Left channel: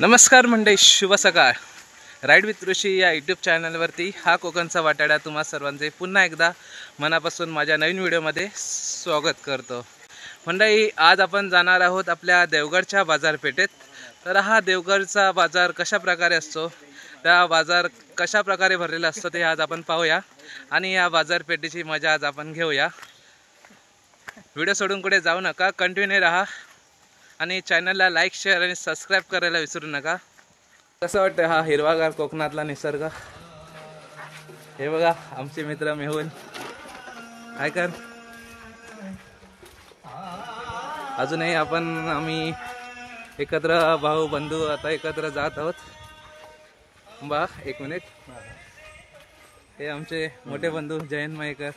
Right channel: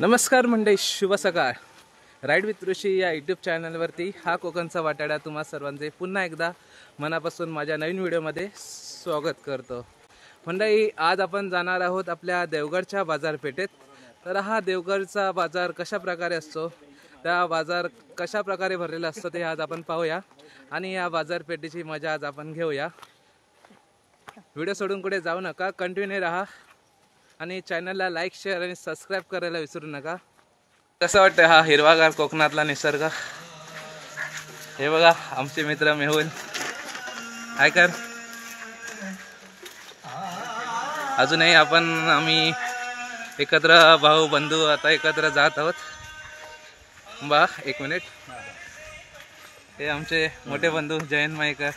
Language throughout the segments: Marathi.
नमस्कार मंडळी, शुभ सकाळ. राईड विथ ऋषी या यूट्यूब चॅनलवरती हा कोकणचा वाटाडा तुम्हा सर्वांचे पुन्हा एकदा मनापासून माझ्या नवीन व्हिडिओमध्ये स्वागत करतो. मंडळी, आज आपण जाणार आहोत आपल्या देवगडच्या बाजारपेठेत. तर हा देवगडचा बाजार कशा प्रकारे असतो, त्या बाजार कशा प्रकारे भरलेला असतो ते आज आपण पाहूया आणि या बाजारपेठेची मजा आज आपण घेऊया. व्हिडिओ सोडून कुठे जाऊ नका, कंटिन्यू राहा आणि चॅनलला लाईक, शेअर आणि सबस्क्राईब करायला विसरू नका. कसं वाटतं हा हिरवागार कोकणातला निसर्ग? हे बघा आमचे मित्र मेहुल, काय कर. अजूनही आम्ही एकत्र भाऊ बंधू आता एकत्र जात आहोत. बा एक मिनिट, हे आमचे मोठे बंधू जयंत मयेकर,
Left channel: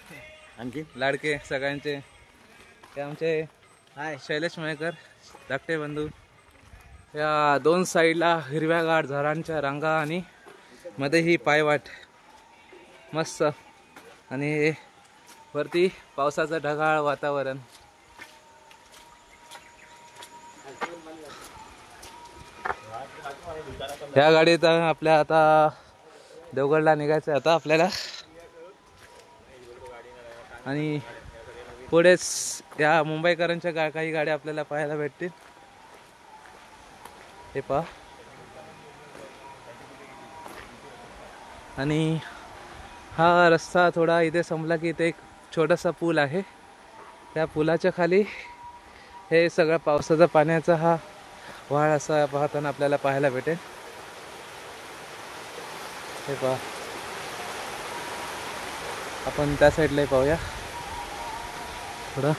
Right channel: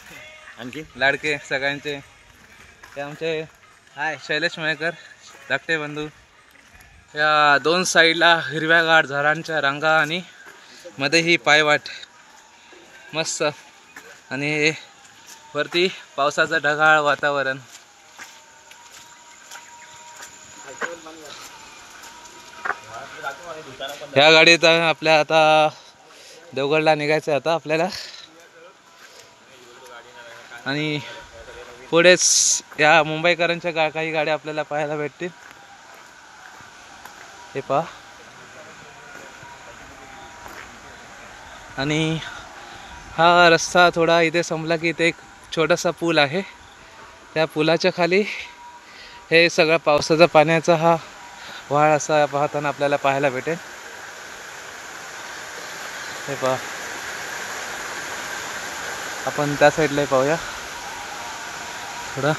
आणखी लाडके सगळ्यांचे. हे आमचे शैलेश मयेकर, धाकटे बंधू. या दोन साईडला हिरव्यागार झाडांच्या रांगा आणि मध्ये ही पायवाट मस्त, आणि वरती पावसाचं ढगाळ वातावरण. ह्या गाडीत आपल्या आता देवगडला निघायचं आता आपल्याला, आणि पुढेच या मुंबईकरांच्या काही गाड्या आपल्याला पाहायला भेटतील. हे पहा, आणि हा रस्ता थोडा इथे संपला की इथे एक छोटासा पूल आहे. त्या पुलाच्या खाली हे सगळं पावसाचा पाण्याचा हा वाळ असा पाहताना आपल्याला पाहायला भेटेल. हे पहा, आपण त्या साईडला पाहूया थोडं.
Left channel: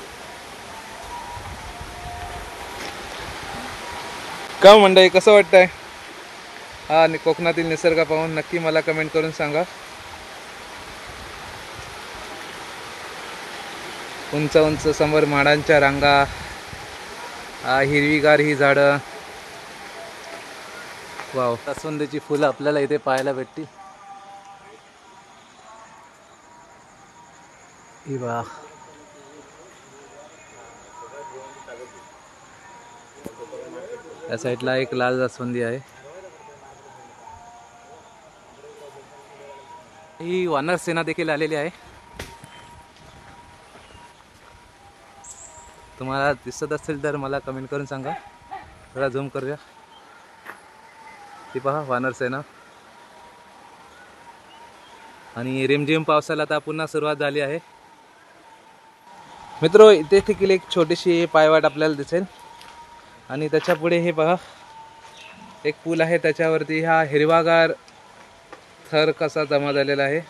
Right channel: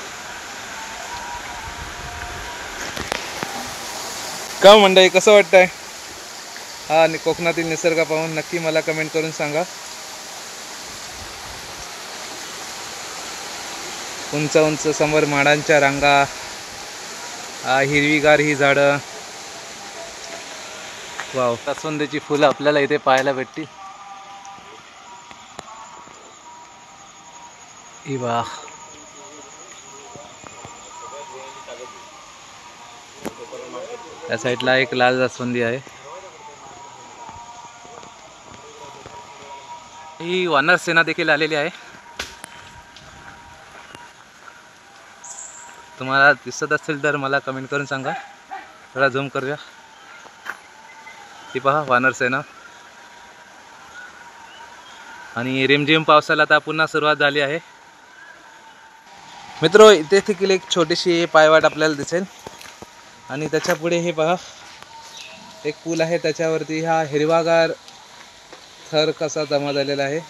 का मंडळी, कसं वाटतंय हा कोकणातील निसर्ग पाहून? नक्की मला कमेंट करून सांगा. उंच उंच समोर माडांच्या रांगा, हिरवीगार ही झाडं. वाव, जास्वंदीची फुलं आपल्याला इथे पाहायला भेटतील. ही वाह, या साईडला एक लाल जास्वंदी आहे. ही वानर सेना देखील आलेली आहे. तुम्हाला दिसत असेल तर मला कमेंट करून सांगा. थोडा झूम करूया. ही पहा वानर सेना. आणि रिमझिम पावसाला आता पुन्हा सुरुवात झाली आहे. मित्रो, इथे देखील एक छोटीशी पायवाट आपल्याला दिसेल, आणि त्याच्या पुढे हे पहा एक पूल आहे. त्याच्यावरती हा हिरवागार थर कसा जमा झालेला आहे,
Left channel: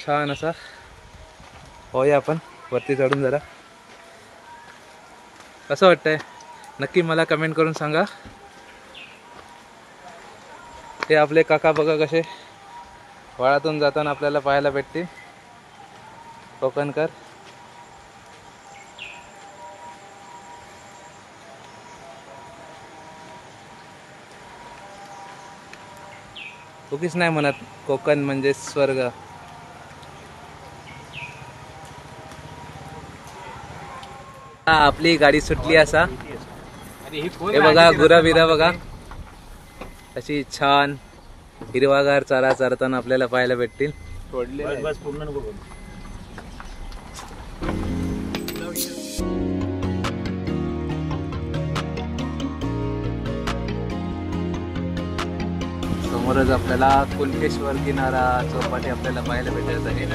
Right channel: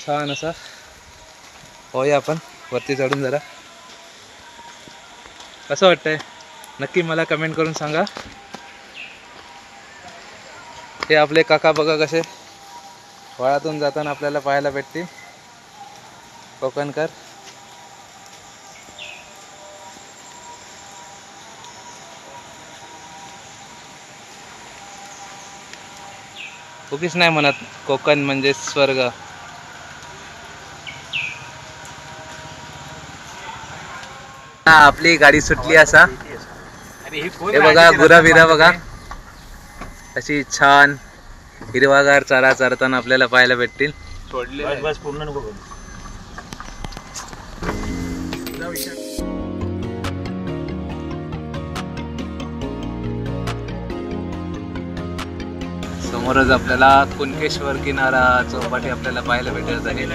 छान असा. पाहूया आपण वरती चढून जरा. कसं वाटतंय नक्की मला कमेंट करून सांगा. हे आपले काका बघा कसे वाळातून जाताना आपल्याला पाहायला भेटतील, कोकणकर. उगीच नाही म्हणत कोकण म्हणजे स्वर्ग. आपली गाडी सुटली असा. हे बघा गुराबिरा बघा, अशी छान हिरवागार चारा चरताना आपल्याला पाहायला भेटतील. समोरच आपल्याला कुणकेश्वर किनारा चौपाटी आपल्याला पाहायला भेटत आहे.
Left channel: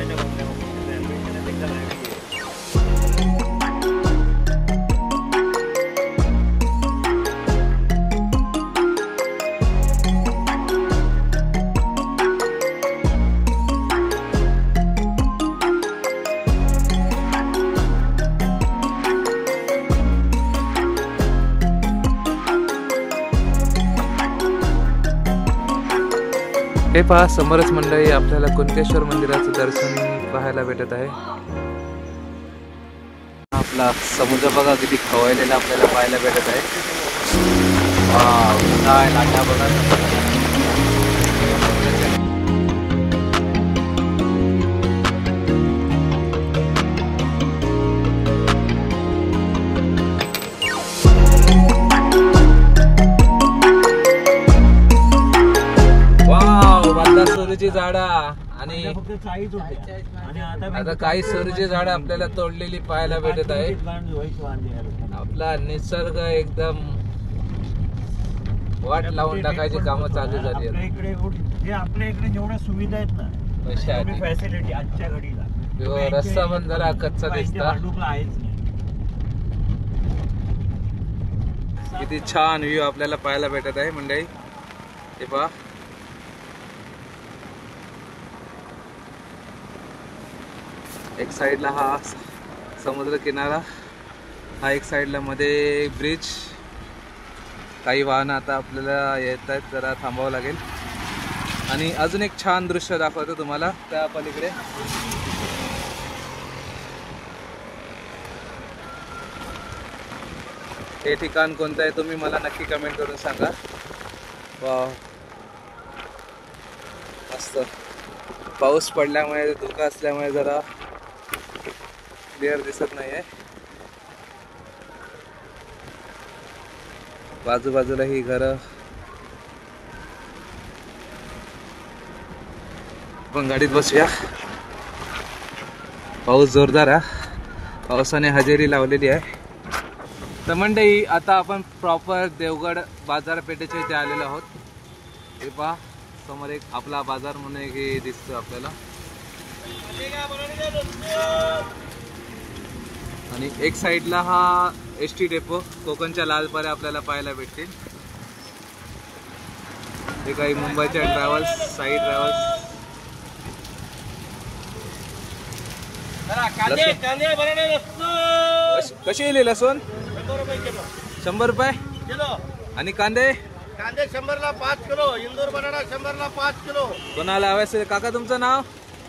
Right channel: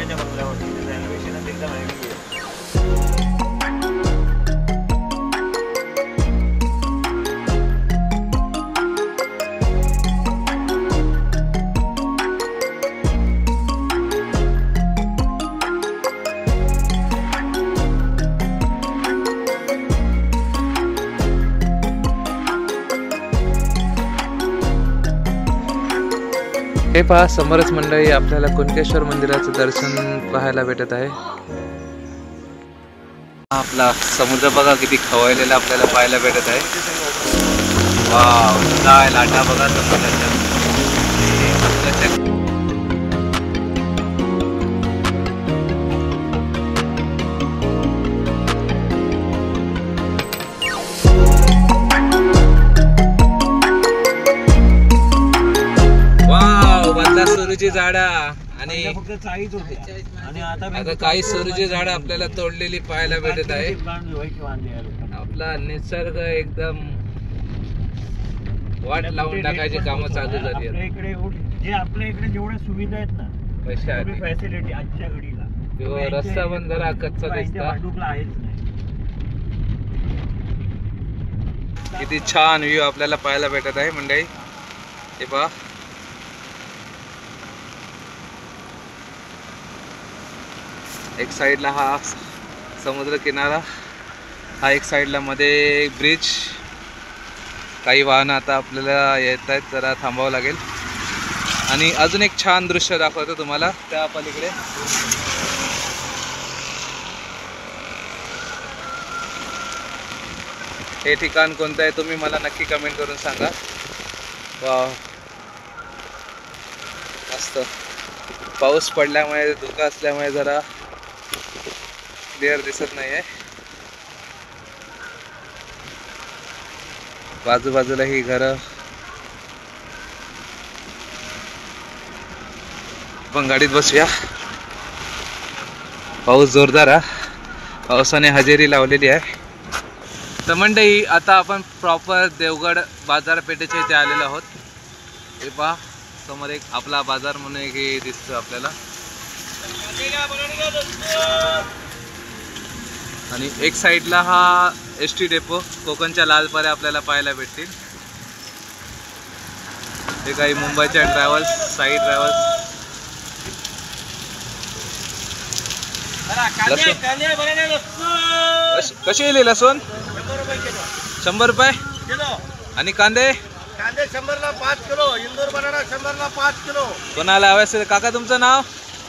हे पहा समोरच मंडळी आपल्याला कुणकेश्वर मंदिराचं दर्शन पाहायला भेटत आहे. आपला समुद्र बघा किती खवळलेला आपल्याला पाहायला भेटत आहे. वाव, लाटा बघा समुद्राच्या. सरुची झाडा आणि फक्त चाळीच होते आणि आता काही सरुची झाडं आपल्याला तोडलेली पाहायला भेटत आहे. आपला निसर्ग एकदम वाट लावून टाकायची कामं चालू झाली आहेत. आपल्या इकडे जेवढ्या सुविधा आहेत ना पैशासाठी फॅसिलिटी आजच्या घडीला किंवा रस्ता पण जरा कच्चा दिसता. किती छान व्ह्यू आपल्याला पाहायला भेटत आहे मंडळी. हे पहा एक साइडला हा समुद्र किनारा, हा एक साइडला मध्ये ब्रिज. काही वाहन आता आपल्याला येत आहेत, जरा थांबावं लागेल. आणि अजून एक छान दृश्य दाखवतो तुम्हाला त्या पलीकडे. हे ठिकाण कोणतं आहे तुम्ही मला नक्की कमेंट करून सांगा. वाव मस्त. पाऊस पडल्यामुळे धुकं असल्यामुळे जरा क्लिअर दिसत नाही आहे. बाजूबाजूला ही घरं. आपण गाडीत बसूया. पाऊस जोरदार आहे, पावसाने हजेरी लावलेली आहे. तर मंडळी आता आपण प्रॉपर देवगड बाजारपेठेच्या इथे आलेलो आहोत. हे पहा समोर एक आपला बाजार म्हणून एक दिसतो आपल्याला. आणि एक साइडला हा एसटी डेपो, कोकणच्या लाल पऱ्या आपल्याला पाहायला भेटतील. हे काही मुंबईच्या ट्रॅव्हल्स, साई ट्रॅव्हल्स. कशी गेली लसूण? 100 रुपये. आणि कांदे? कांदे 100ला 5 किलो. इंदूर बनाना 100ला 5 किलो. कोणाला हवे असेल? काका तुमचं नाव?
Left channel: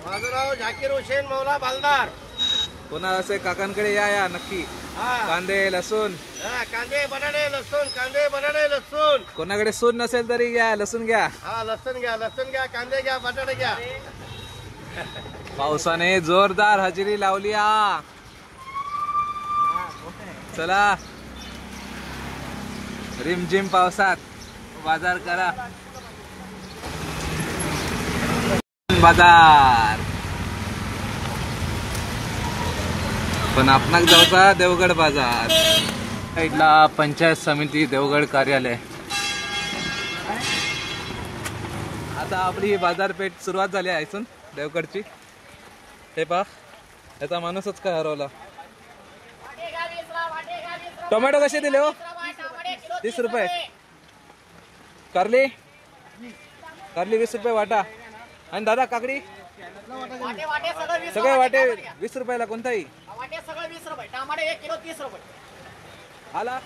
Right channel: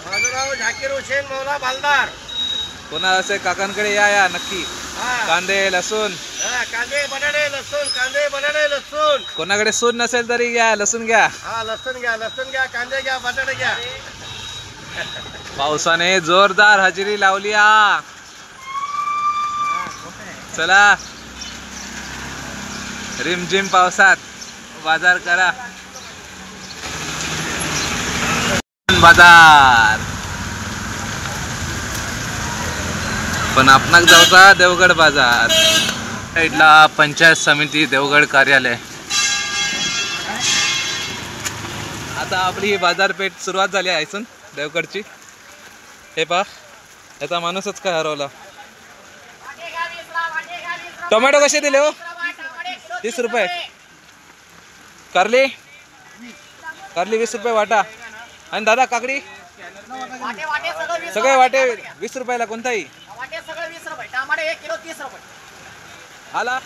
माझं नाव झाकीर हुसेन मौला बालदार. कोणाला असेल काकांकडे या नक्की. कांदे लसूण, कांदे बनाने लसूण, कांदे बनाने लसूण. कोणाकडे सून नसेल तरी घ्या, लसूण घ्या. हा लसूण घ्या, लसूण घ्या, कांदे घ्या, बटाटे घ्या. पावसाने जोरदार हजेरी लावली. चला रिमझिम पावसात बाजार करा. बाजार पण आपणाक जाऊचा देवगड बाजार. साईडला पंचायत समिती देवगड कार्यालय. आता आपली ही बाजारपेठ सुरुवात झाली आहे इथून देवगडची. हे पहा याचा माणूसच काय हरवला. टोमॅटो कसे दिले हो? 30 रुपये. कारली? कारली 20 रुपये वाटा. आणि दादा काकडी? सगळे वाटे 20 रुपयाला. कोणताही आला.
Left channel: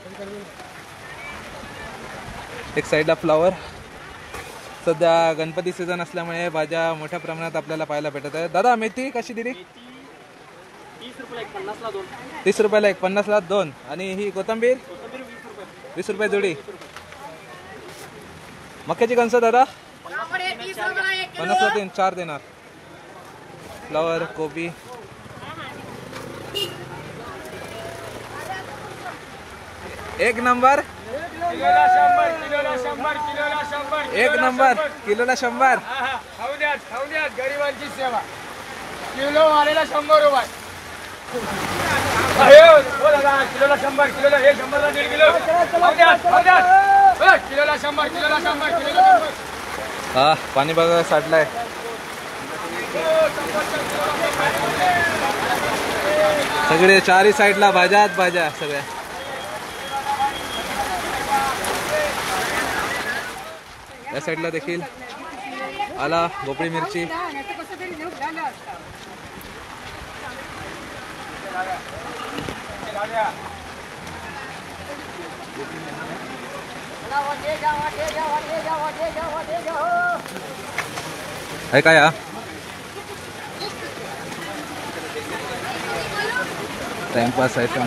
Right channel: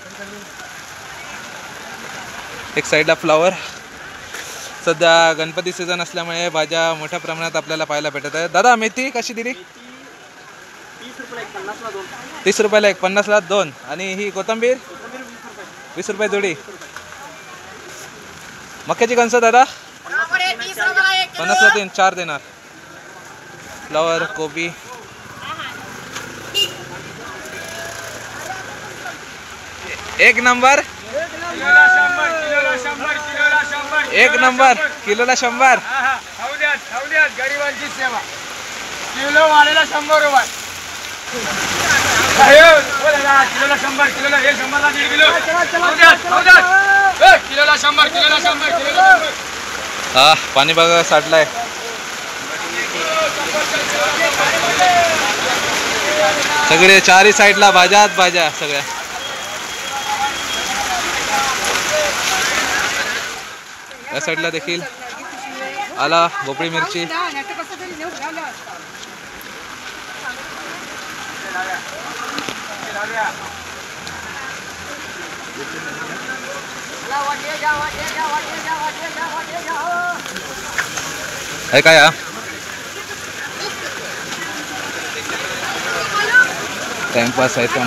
एक साइडला फ्लावर. सध्या गणपती सीझन असल्यामुळे भाज्या मोठ्या प्रमाणात आपल्याला पाहायला भेटत आहे. दादा मेथी कशी दिली? 30 रुपयाला एक, 50ला 2. आणि ही कोथिंबीर 20 रुपये जोडी. मक्याची कणसं दादा 50ला 3, 4 देणार. फ्लावर, कोबी. एक नंबर. एक नंबर. किलोला 100. गरिबांची सेवा. किलो वालेला 100 रुपये. किलोला 100, किलोला 100ला 1.5 किलो. किलोला 100, किलोला 100, किलोला 100. हा पाणी बघा साठलाय. सगळे चारही साईडला भाज्याच भाज्या सगळ्या. या साईडला देखील आला भोपळी मिरची. है काय हा? टाइमपास आहे तर.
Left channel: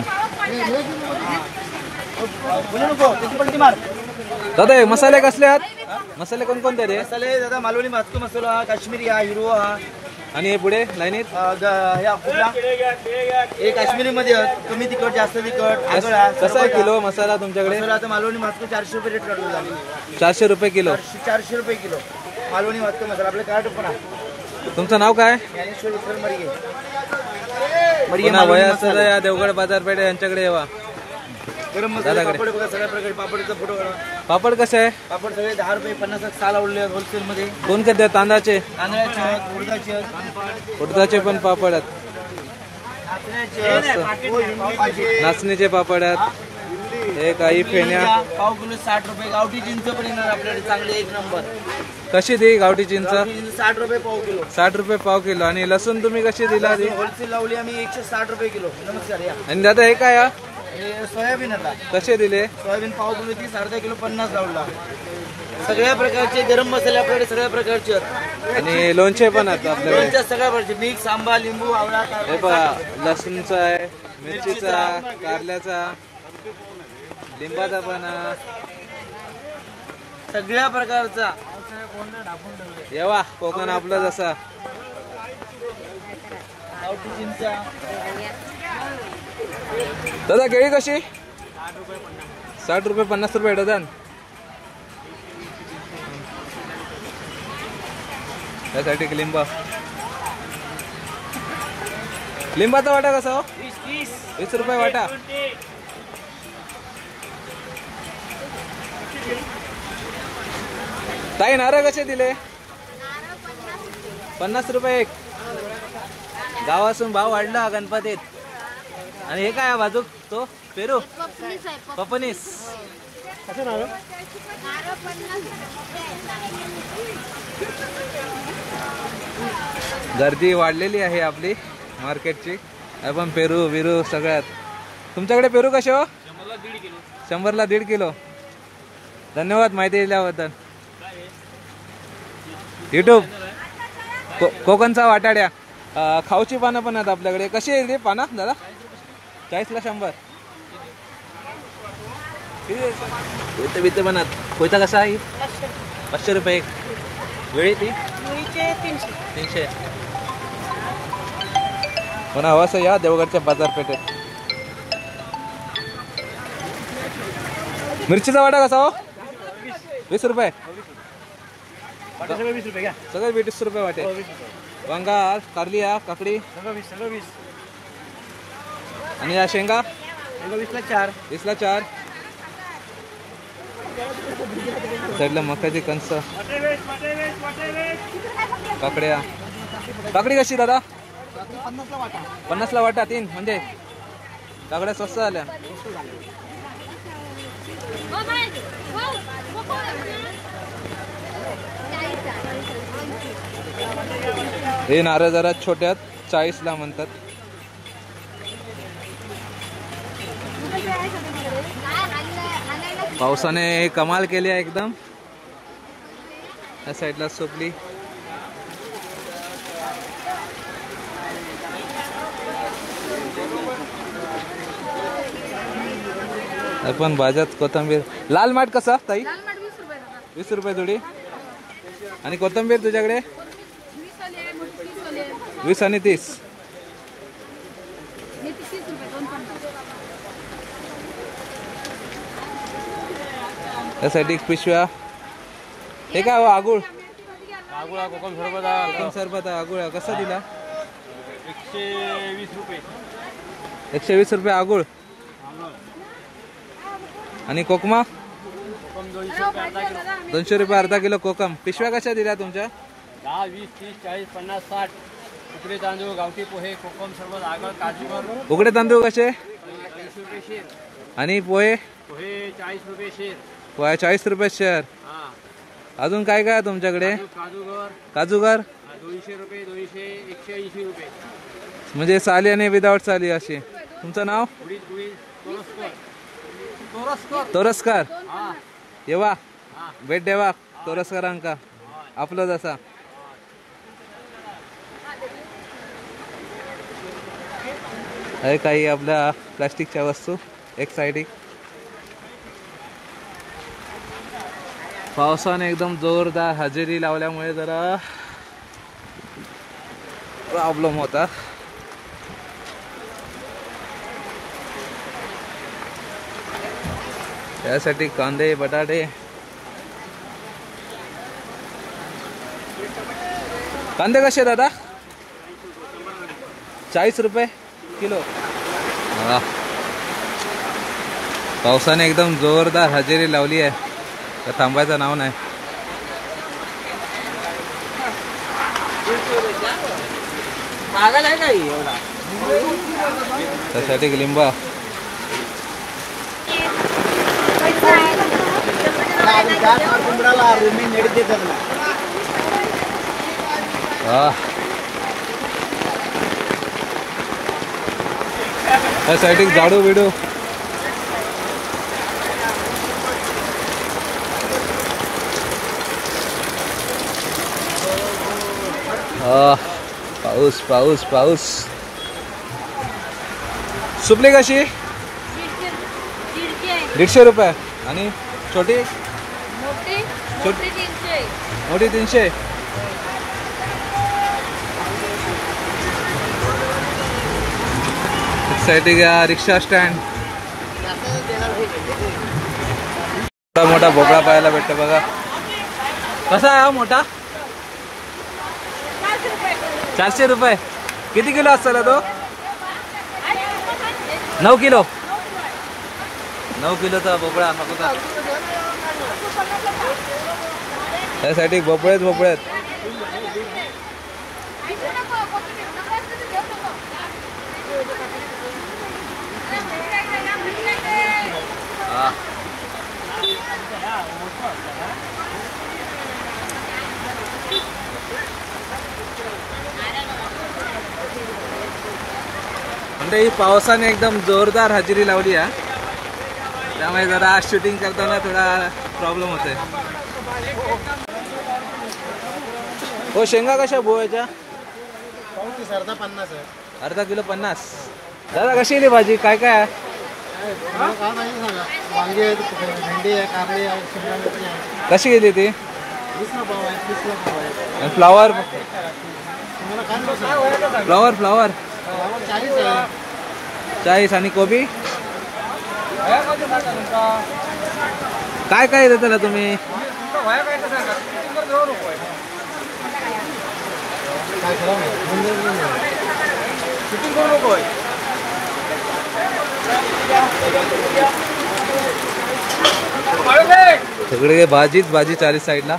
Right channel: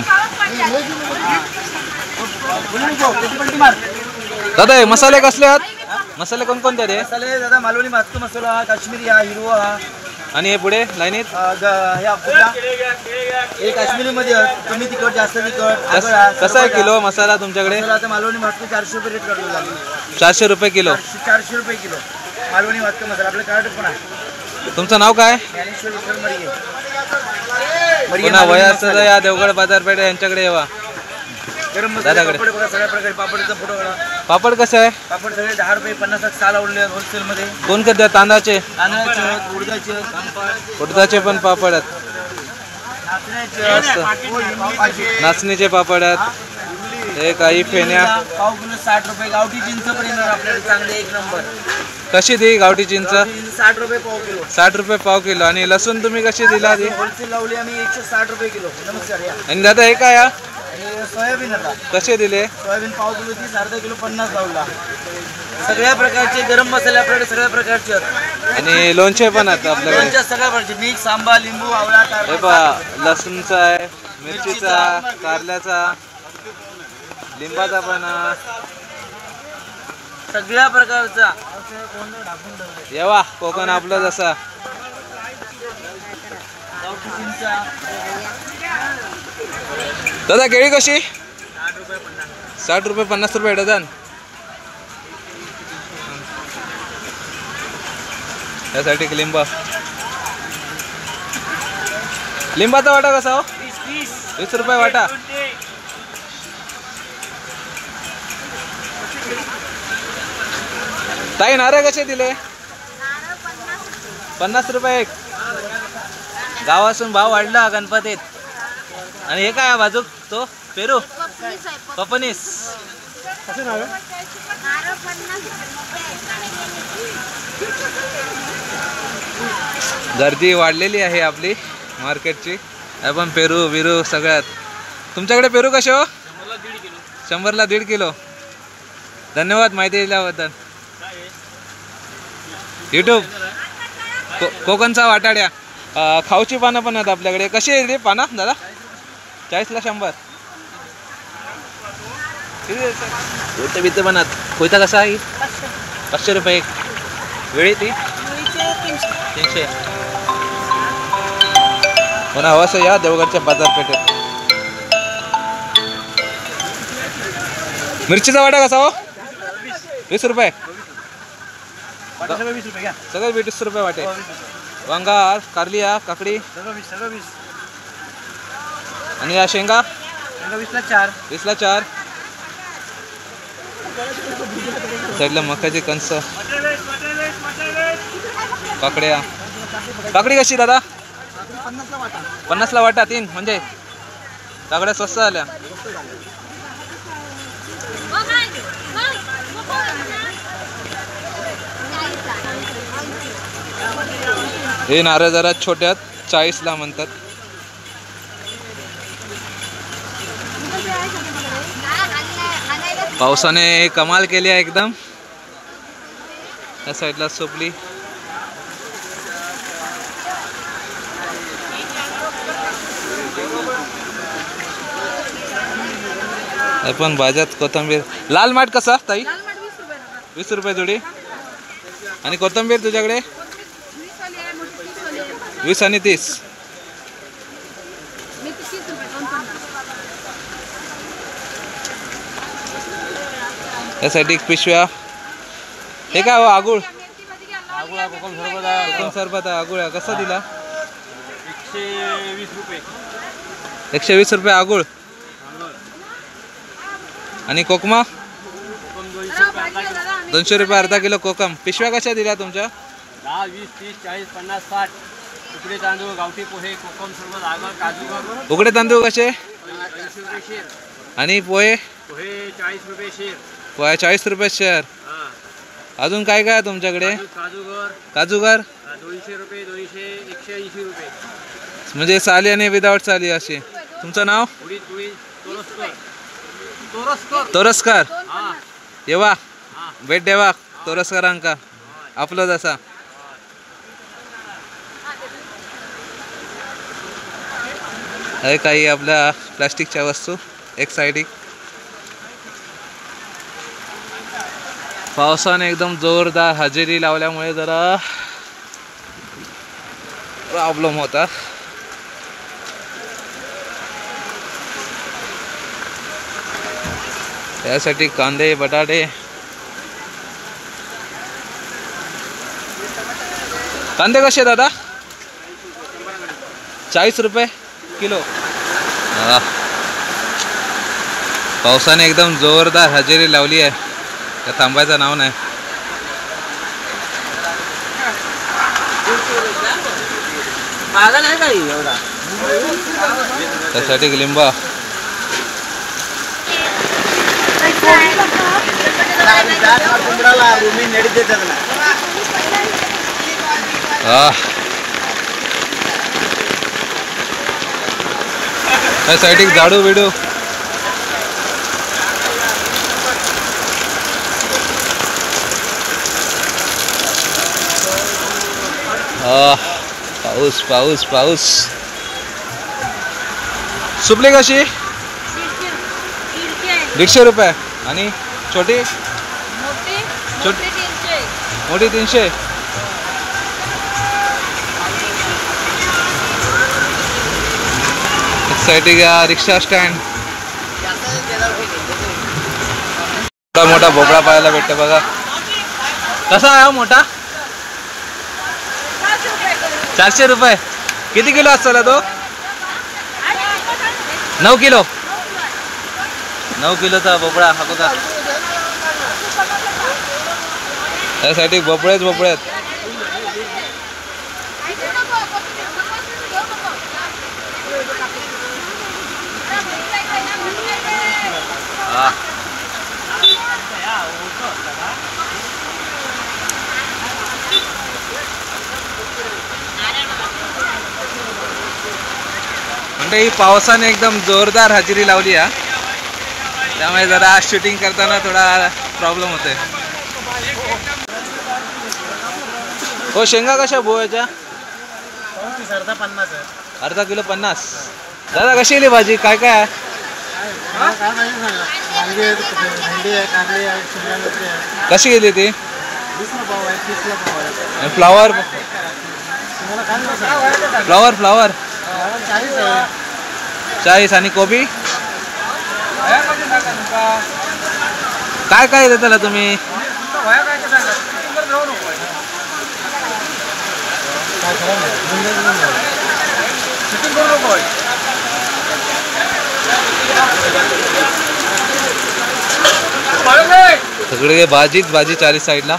दादा हे मसाले कसले आहेत? मसाले कोणकोणते आहेत? मसाले दादा मालवणी भाजतो मसाला, काश्मीरी हा, हिरवा हा. आणि हे पुढे लाईनीत हे काश्मीरी मध्ये तुम्ही तिखट जास्त तिखट. कसा आहे किलो मसाला तुमच्याकडे? आता मालवणी भाजतो 400 रुपये रेट करतो. 400 रुपये किलो. 400 रुपये किलो. मालवणी वाटतं मसाला आपलं कर्नाटक पण आहे. तुमचं नाव काय? ज्ञानेश्वर विठ्ठल मरिये. पुन्हा वयाचं या देवगड बाजारपेठ यांच्याकडे येवा. गरम मसाला दादाकडे. पापड बघा सगळ्या प्रकारे पापडचा फोटो काढा. पापड कसं आहे? पापड सगळे 10 रुपये 50 साल आवडले होलसेलमध्ये. कोण करते? तांदळाचे, तांदळाचे आहेत, उडदाचे आहेत, उडदाचे पण पापड आहेत, नाचण्याचे, नाचणीचे पापड आहेत, हे काही फेण्या. पाव किलो 60 रुपये. गावठी चिंच पण येणार आपल्याकडे चांगले एक नंबर. कशी दी गावठी चिंच? गावठी चिंच 60 रुपये पाव किलो. 60 रुपये पाव किलो. आणि लसूण तुम्ही कशी दिला ती? होलसेल लावली आम्ही 160 रुपये किलो. नमस्कार या. आणि दादा हे काय हा? हे सोयाबीन आता कसे दिले? सोयाबीन पाव किलो 30, अर्धा किलो 50 लावला. सगळ्या प्रकारचे गरम मसाले आपल्याकडे सगळ्या प्रकारचे आहेत. आणि लोणचे पण आहेत आपल्याकडे. लोणच्या सगळ्या प्रकारचे मिक्स, आंबा, लिंबू, आवळा, हे टारगुट. पहा, लसूणचा आहे, मिरचीचा, कारल्याचा, लिंबाचा पण आहे. सगळ्या प्रकारचा. येवा कोकण आपलं जसा. गावठी चिंचा दादा केळी कशी? 60 रुपये 50 रुपये डझन. त्यासाठी लिंबा, लिंबाचा वाटा कसा हो? 20 रुपये वाटा. ताई नारळ कसे दिले? 50 रुपये एक. गावासून भाव वाढला गणपतीत. आणि हे काय बाजू तो पेरू पपनीस. गर्दी वाढलेली आहे आपली मार्केटची. आपण पेरू बिरू सगळ्यात. तुमच्याकडे पेरू कसे हो? 100ला 1.5 किलो. धन्यवाद माहिती दिल्याबद्दल. यूट्यूब कोकणचा वाटाड्या. खाऊची पानं पण आहेत आपल्याकडे. कशी आहे रे पानं दादा? 40ला 100. कोयते बिते पण आहेत. कोयता कसा आहे? 500 रुपये एक. वेळी ती 300. पुन्हा हवं असं या देवगडच्या बाजारपेठेत. मिरचीचा वाटा कसा हो? 20 रुपये. सगळं 20 रुपये घ्या. सगळं 20 रुपये वाटे. वांगा, कारलिया, काकडी सगळं 20. आणि या शेंगा 20ला 4. 20ला 4. साईडला मकाची कणस, काकड्या. काकडी कशी दादा? 50ला वाटा 3. म्हणजे काकड्या स्वस्त झाल्या. हे नारळ जरा छोट्यात 40ला म्हणतात. पावसाने कमाल केली आहे एकदम. या साईडला सोपली. आपण भाज्यात कोथिंबीर. लाल माठ कसा ताई? 20 रुपये जोडी. आणि कोथिंबीर तुझ्याकडे 20 आणि 30. यासाठी पिशव्या. हे काय हो? आगुळ. कोकम सरबत आगुळ कसा दिला? 120 रुपये. 120 रुपये आगुळ. आणि कोकमा 200 रुपये अर्धा किलो कोकम. पिशव्या कशा दिल्या तुमच्या? 10, 20, 30, 40, 50, 60. उकडे तांदूळ, गावठी पोहे, कोकम सरबत, आगर, काजू. उकडे तांदूळ कसे? 40 रुपये शेर. आणि पोहे? पोहे 40 रुपये शेर. पोहे 40 रुपये शेअर. अजून काय काय आहे तुमच्याकडे? काजूगर काजूगर 200 रुपये, 200, 180 रुपये. म्हणजे साली आणि विदाउट साली असे. तुमचं नाव? उडीद तोरसकर. तोरसकर. तोरसकर. हा. येवा भेट देवा तोरसकरांका आपलं जसा. आहे काही आपल्या प्लास्टिकच्या वस्तू एक साईड. पावसाने एकदम जोरदार हजेरी लावल्यामुळे जरा प्रॉब्लेम होता. त्यासाठी कांदे, बटाटे. कांदे कसे दादा? 40 रुपये किलो. पावसाने एकदम जोरदार हजेरी लावली आहे, का थांबायचं नाव नाही. त्यासाठी लिंबा त्यासाठी झाडू बिडू पाऊस पाऊस पाऊस. सुपली कशी? 150 रुपये. आणि छोटी? मोठी 300. एक्साइटिंग रिक्षा स्टँड. मोठा भोपळा पाहायला भेटतो बघा. कसा आहे मोठा? 400 रुपये. किती किलो असतो तो? 9 किलो. 9 किलोचा भोपळा हा बघा. त्यासाठी भोपळेच भोपळे आहेत. म्हणजे ही पावसाने एकदम जोरदार हजेरी लावली आहे, त्यामुळे जरा शूटिंग करताना थोडा प्रॉब्लेम होते. हो शेंगा कशा भोयाच्या? अर्धा किलो 50. दादा कशी गेली भाजी? काय काय आहे? कशी गेली ती? Flower flower flower 40. आणि कोबी काय काय देताला तुम्ही? सगळे भाजीच भाजी 40 साईडला.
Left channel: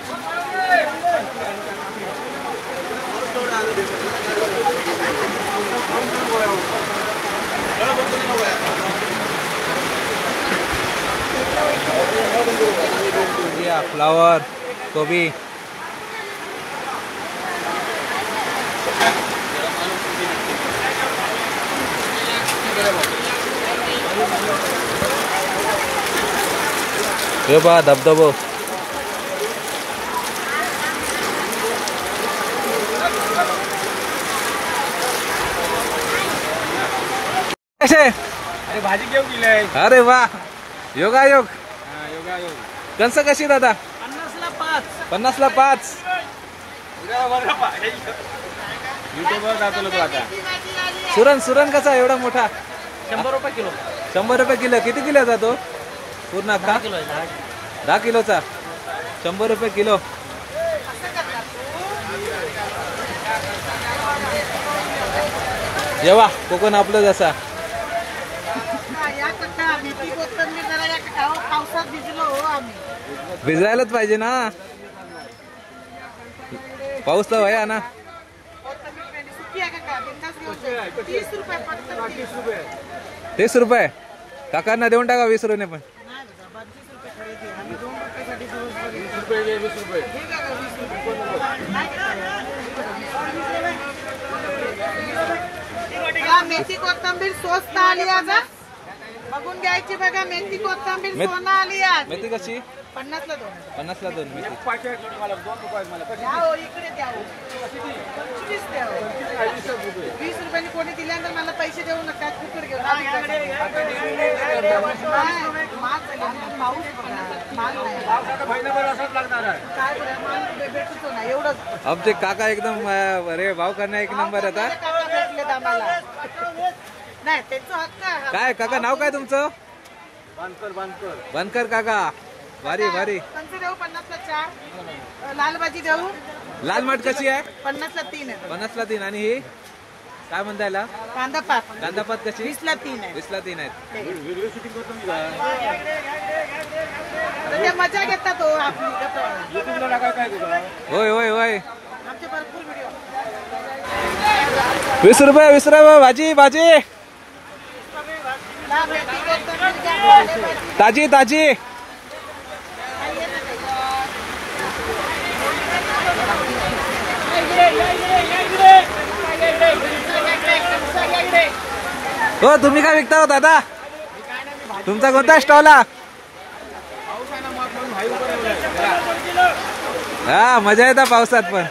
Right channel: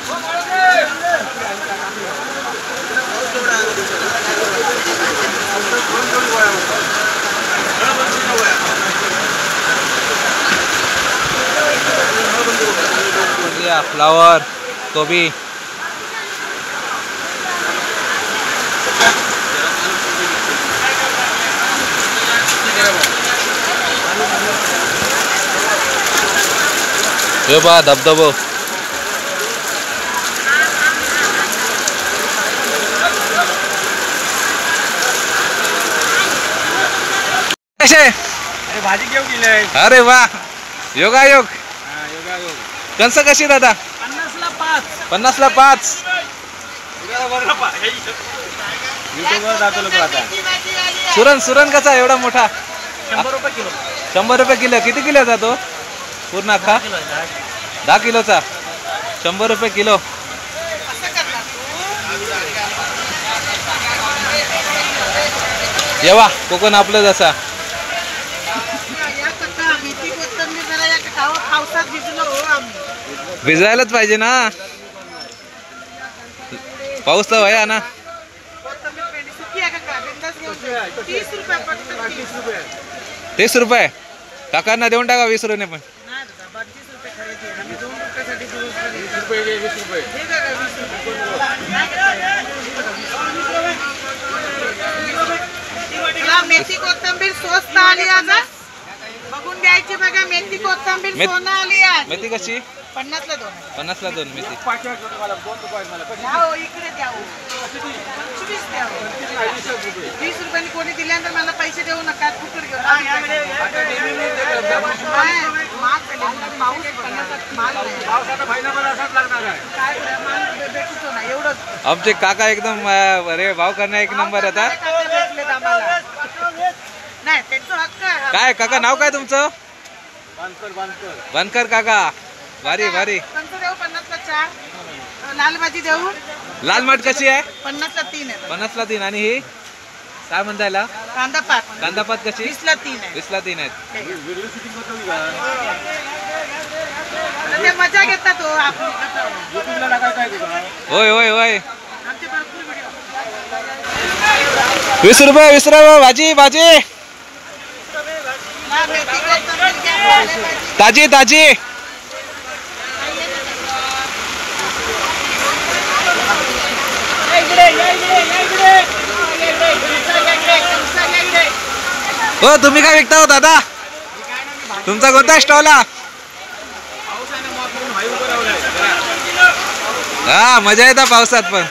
फ्लावर कोबी हे बघा धबधबो. अरे भाजी घेऊन गेले. अरे वा योगायोग. कंस कशी दादा? 50 ला 5. सुरण सुरण कसा एवढा मोठा? 100 रुपये किलो. 100 रुपये किलो. किती किलो जातो पूर्ण अख्खा? 10 किलोचा 100 रुपये किलो. येवा कोकण आपलं जसा. भिजायलाच पाहिजे ना, पाऊस तर वया ना. 30 रुपये काकांना देऊन टाका. 20 रुपये पण. मेथी कोथिंबीर स्वस्त आली आज. बघून घ्यायची बघा. मेथी कोथिंबीर सोना आली आज. मेथी कशी? 50 ला 2. 50 ला 2 मेथी. इकडे द्या. 25 द्या. 20 रुपयांनी कोणी दिल्यानंतर मला पैसे देऊ नका. फुकट घेऊ. आमचे काका एकदम अरे भाव करण्या एक नंबर येतात. नाही त्यांचा हक्क आहे. काय काका नाव काय तुमचं? बनकर काका. भारी भारी. देऊ 50 ला 4. लाल भाजी देऊ. लाल माठ कशी आहे? 50ला 3 आहे. 50ला 3. आणि ही काय म्हणता याला? कांदा पात कांदापात कशी? 20ला 3 आहे. 20ला 3 आहेत. आता ते मजा घेतात हो आपली कसं. होय होय होय. आमचे भरपूर व्हिडिओ. 20 रुपये 20 रुपये भाजी भाजी ला मेथी कोथिंबीर घ्या, पालेभाजी. ताजी ताजी. हो तुम्ही काय विकता हो दादा? तुमचा कोणता स्टॉल हा? हा मजा येता पावसात पण.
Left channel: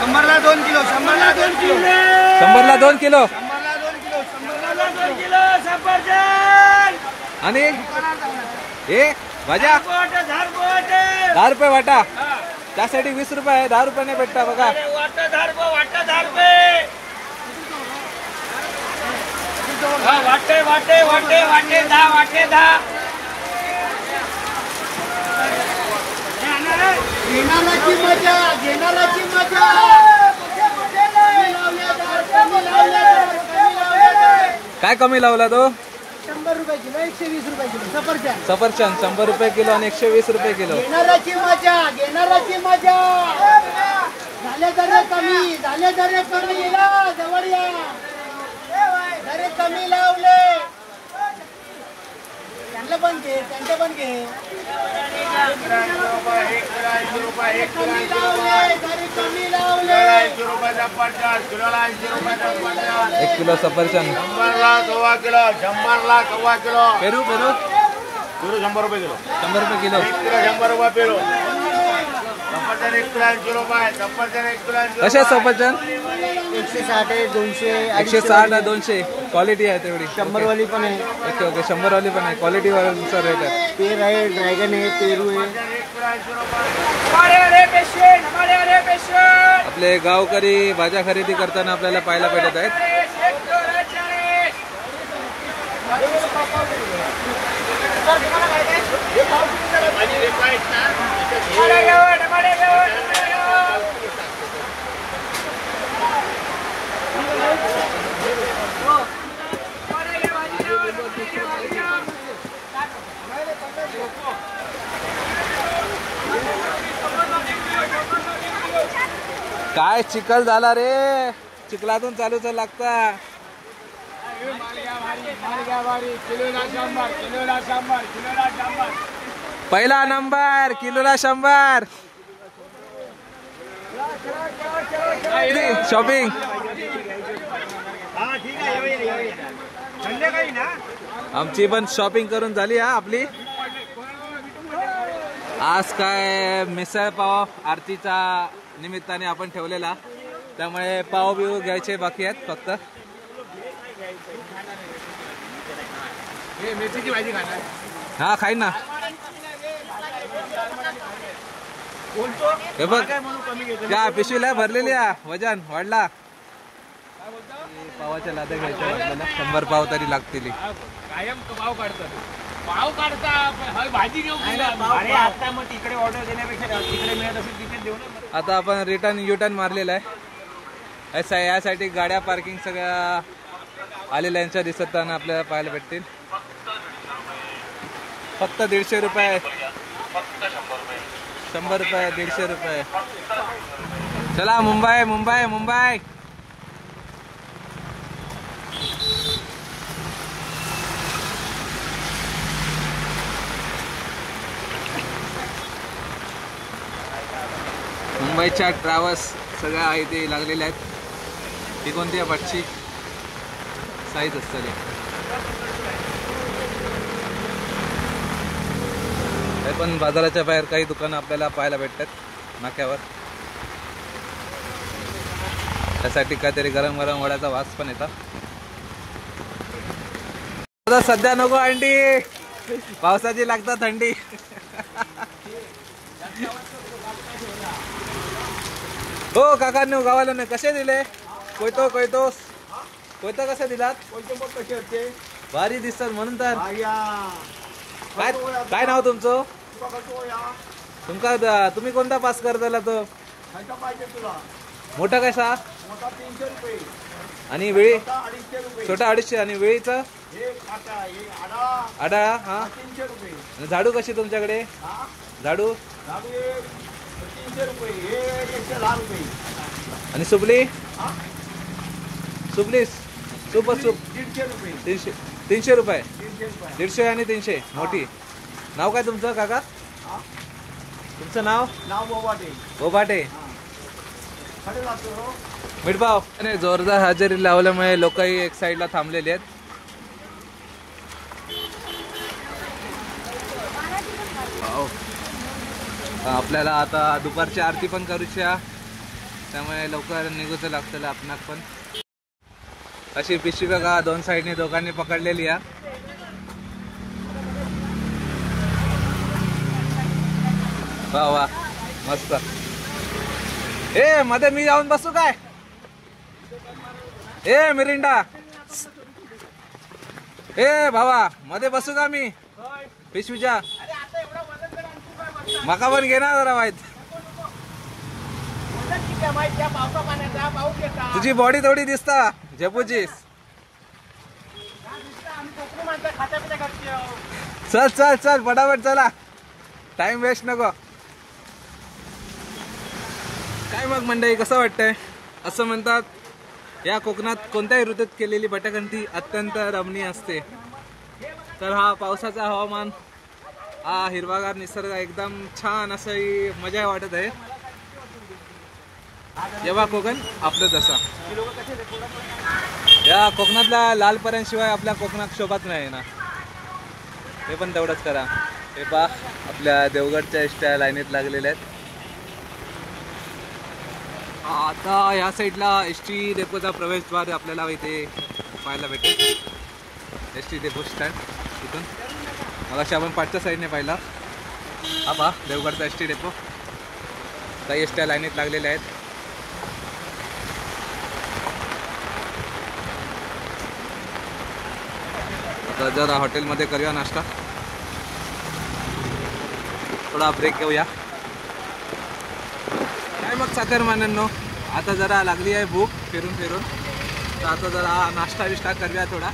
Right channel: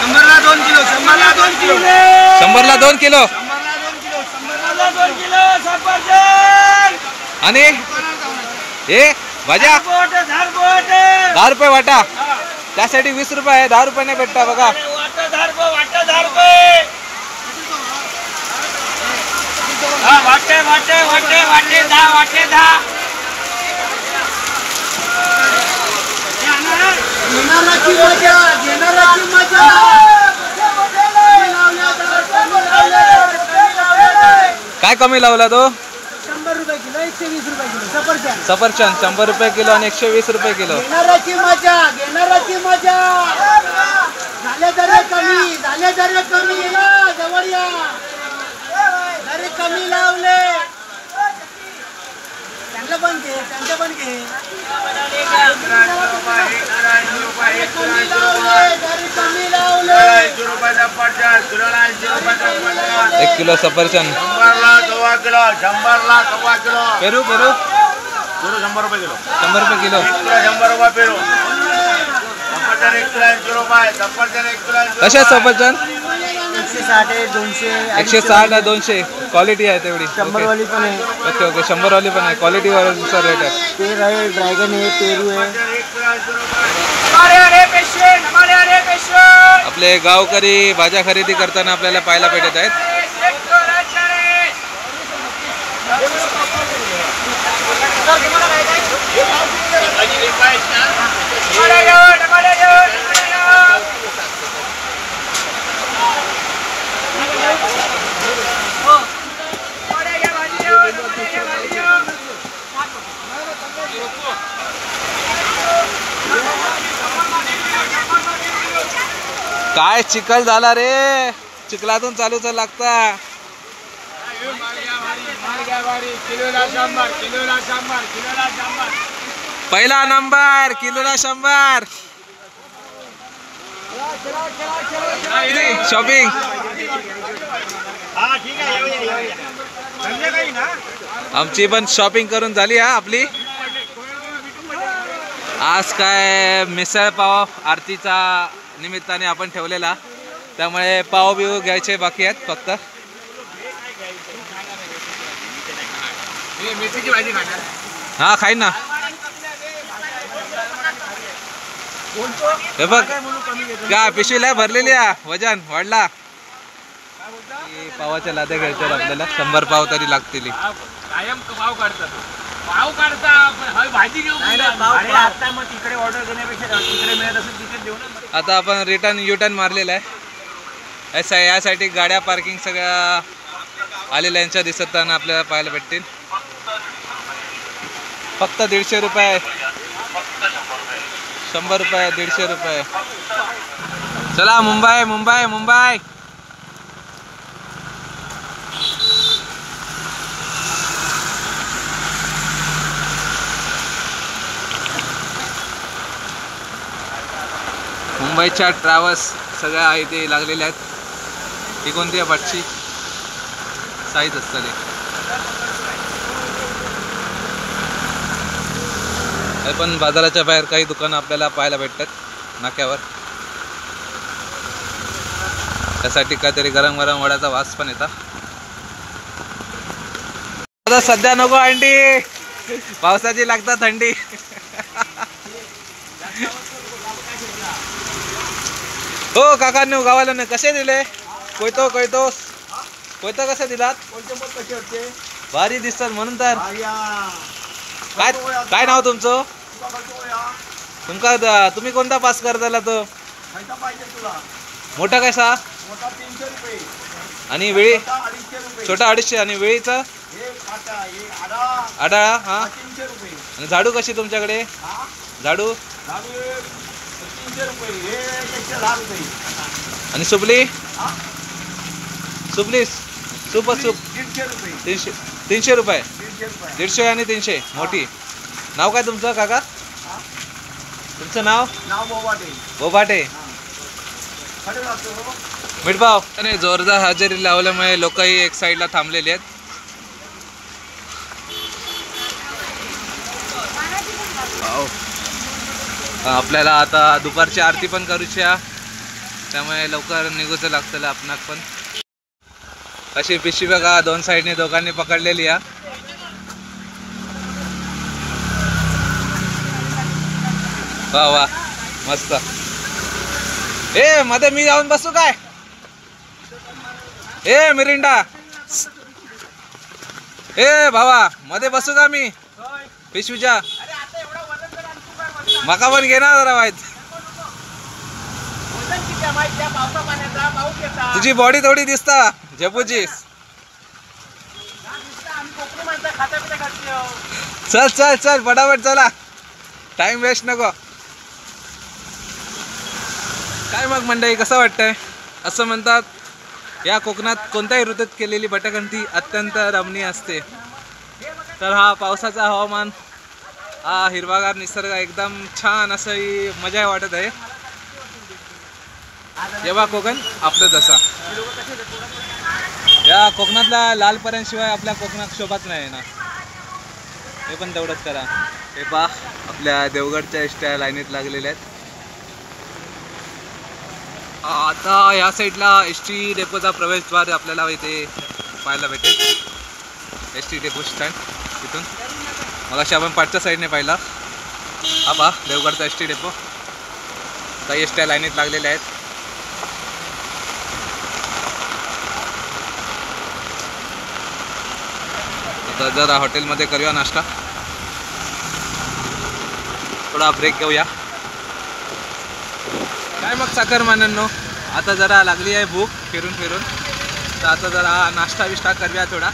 शंभरला 2 किलो 100ला 2 किलो. आणि हे भाज्या 10 रुपये वाटा. त्यासाठी 20 रुपये आहे. 10 रुपयाने भेटता बघा. काय कमी लावला तो? 100 रुपये किलो 120 रुपये किलो सफरचंद. सफरचंद 100 रुपये किलो आणि 120 रुपये किलो. घेणाराची मजा झाले दर कमी या जवळ या. दर कमी लावले. त्यांचं पण घे. कमी लावले. 1 किलो सफरचंद. 100 किलो. पेरू 100 रुपये किलो. 100 रुपये किलो. 100 रुपये पेरू. कशा सफरचंद? 160 200 160 200. क्वालिटी आहे तेवढी. 100 वाली पण आहे. ओके ओके 100 वाली पण आहे. क्वालिटी वरचा रेट आहे. पेर आहे, ड्रॅगन आहे, पेरू आहे. आपले गावकरी भाज्या खरेदी करताना आपल्याला पाहायला भेटत आहेत. काय चिखल झाला रे. चिखलातून चालूच लागता. पहिला नंबर किलोला 100. शॉपिंग आमची पण शॉपिंग करून झाली हा आपली. आज काय मिसळ पाव आरतीचा निमित्ताने आपण ठेवलेला, त्यामुळे पाव बिव घ्यायचे बाकी आहेत फक्त. मेथीची भाजी खाणार. हा खाईन ना. हे बघ का पिशवीला भरलेली वजन वाढला. पावाच्या लाद्या घ्यायच्या आपल्याला. 100 पाव तरी लागतील. कायम पाव काढतात. पाव काढता भाजी घेऊ. आता मग तिकडे ऑर्डर देण्यापेक्षा तिकडे मिळत असेल तिथे देऊ ना. आता आपण रिटर्न युटर्न मारलेला आहे. यासाठी गाड्या पार्किंग सगळ्या आलेल्या यांच्या दिसताना आपल्याला पाहायला भेटतील. फक्त 150 रुपये. 100 रुपये 150 रुपये. चला मुंबई मुंबई मुंबई. मुंबईच्या ट्रॅव्हल्स सगळ्या आहे ते लागलेल्या आहेत. ही कोणती आहे पाठची? साईज असतले. पण बाजाराच्या बाहेर काही दुकानं आपल्याला पाहायला भेटतात नाक्यावर. त्यासाठी काहीतरी गरम गरम वड्याचा वास पण येतात. आता सध्या नको अंडी, पावसाची लागतात थंडी. हो काकांनी गावाला कसे दिले? कोयतो कोयतो कोयतो कसे दिलात? कोणते मग कसे होते भारी दिसतात म्हणून तर. आया काय काय नाव तुमचं? तुका कसं या तुमका तुम्ही कोणता पास करताला तो? खायचा पाहिजे तुला मोठा कसा? मोठा 300 रुपये आणि वेळी? छोटा 250 रुपये छोटा 250 आणि वेळीचा? हे काटा हे आडा आडाळा हा. 300 रुपये आणि झाडू कशी तुमच्याकडे? हा झाडू? झाडू हे 300 रुपये हे 110 रुपये आणि सुपली? हा सुपली सूप सूप 300 रुपये 300 रुपये. 300 रुपये 150 आणि 300 मोठी. नाव काय तुमचं काका? हा तुमचं नाव? नाव बोबाटे बोबाटे. कडे जातो मिठभाव आणि जोरदार हजेरी लावल्यामुळे लोकही एक साईडला थांबलेले आहेत. वाव. आपल्याला आता दुपारची आरती पण करूची आहे, त्यामुळे लवकर निघूचं लागतं आपणाक पण. अशी पिशवी बघा दोन साईडने दोघांनी पकडलेली आहे. वा वा मस्त. ए मध्ये मी जाऊन बसू काय? ए मिरिंडा ए भावा मध्ये बसू का मी पिशवीच्या? मका पण घेणार जरा माहित. तुझी बॉडी थोडी दिसता झेपूची. चल चल चल फटाफट चला, टाइम वेस्ट नको. काय मग मंडळी कसं वाटतंय? असं म्हणतात या कोकणात कोणत्याही ऋतूत केलेली भटकंती अत्यंत रमणीय असते. तर हा पावसाचा हवामान, हा हिरवागार निसर्ग एकदम छान असं मजा वाटत आहे. जेव्हा कोकण आपलंच असा. या कोकणातल्या लालपऱ्यांशिवाय आपल्या कोकणात शोभाच नाही ना. हे पण तेवढंच करा. हे पहा आपल्या देवगडच्या एसट्या लाईनीत लागलेल्या आहेत. आता या साईडला एस टी डेपोचा प्रवेशद्वार आपल्याला इथे पाहायला भेटेल. एस टी डेपो स्टँड इथून मग अशी आपण पाठच्या साईडने पाहिला. हा पहा देवगडचा एस टी डेपो. काही एसट्या लाईनीत लागलेल्या आहेत. आता जरा हॉटेलमध्ये करूया नाश्ता, थोडा ब्रेक घेऊया. काय मग चाकरमान्यांनो, आता जरा लागली आहे भूक फिरून फिरून, तर आता जरा नाश्ता बिष्टा करूया. थोडा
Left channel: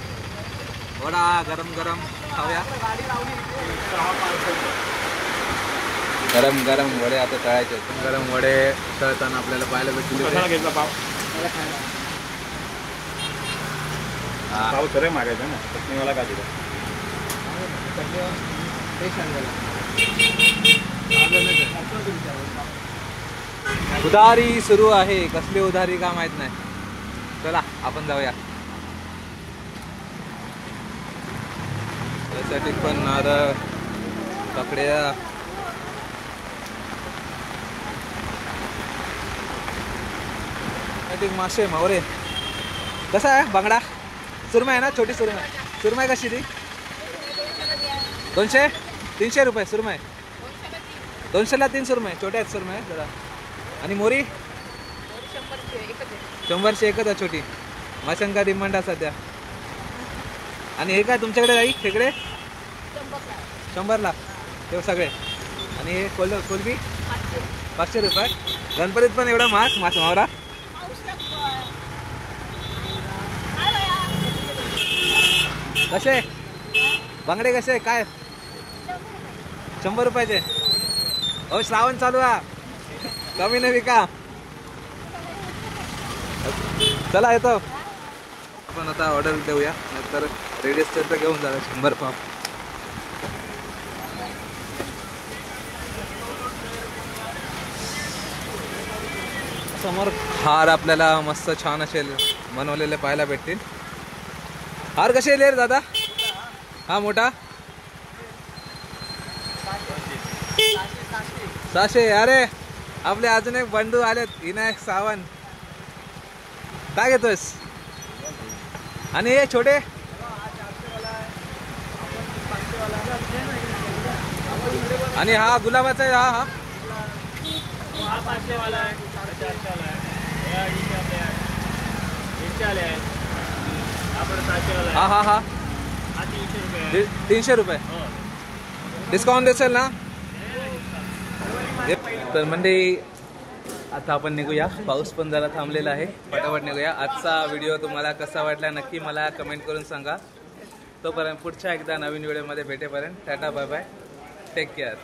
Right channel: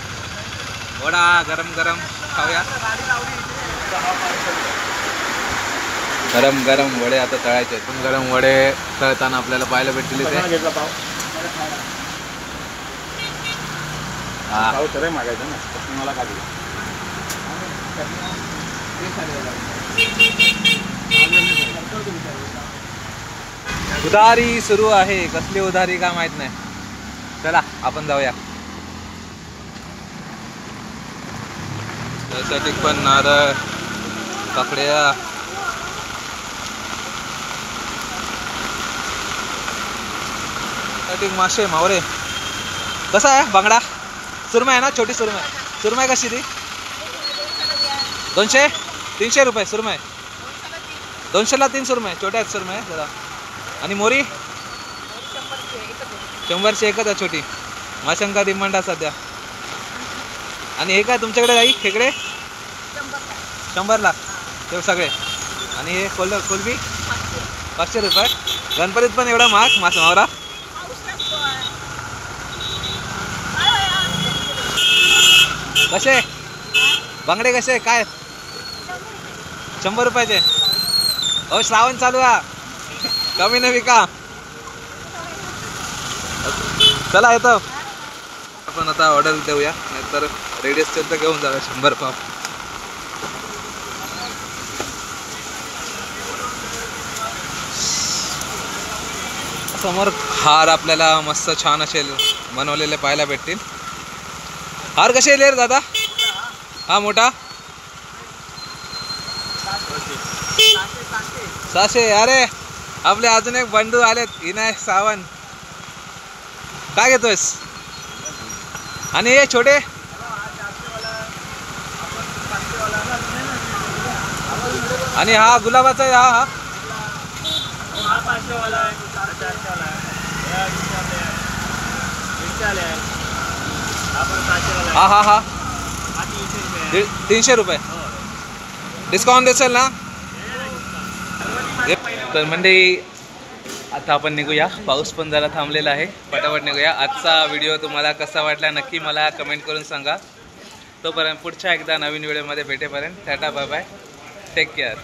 वडा गरम गरम खाऊया. गरम गरम वडे आता तळायचे. गरम वडे तळताना आपल्याला पाहायला भेटतील इथे. मला का उधारी सुरू आहे. कसली उधारी का माहित नाही. चला आपण जाऊया. त्यासाठी पण नारळ काकड्या मासे मावरे. कसा आहे बांगडा? सुरमई आहे ना, छोटी सुरमई. सुरमई कशी ती? 200 300 रुपये सुरमई. 200ला 3 सुरमई. छोट्या आहेत सुरमई जरा. आणि मोरी 100ची एकच आहे छोटी. माशांका डिमांड आहे सध्या. आणि हे काय तुमच्याकडे जाई खेकडे? 100ला ते सगळे. आणि हे कोलबी 500 रुपये. गणपतीत पण एवढा महाग मासा मावरा? कसे बांगडे कसे काय? 100 रुपयाचे. अहो श्रावण चालू आहे, कमी नाही विका. चला येतो आपण आता ऑर्डर देऊया, नाहीतर रेडी असतील तर घेऊन जाऊया 100 पाव. समोर हार आपल्याला मस्त छान असे बनवलेले पाहायला भेटतील. हार कसे येईल दादा? हा मोठा 600. अरे आपले अजून एक बंधू आलेत, विनायक सावंत. काय घेतोयस? आणि हे छोटे आणि हा गुलाबाचा आहे. हा हा हा हा हा 300 रुपये 300 रुपये डिस्काउंट देसाल ना. तर मंडळी आता आपण निघूया. पाऊस पण जरा थांबलेला आहे. पटापट निघूया. आजचा व्हिडिओ तुम्हाला कसा वाटला नक्की मला कमेंट करून सांगा. तोपर्यंत पुढच्या एकदा नवीन व्हिडिओमध्ये भेटेपर्यंत tata bye bye. Take care.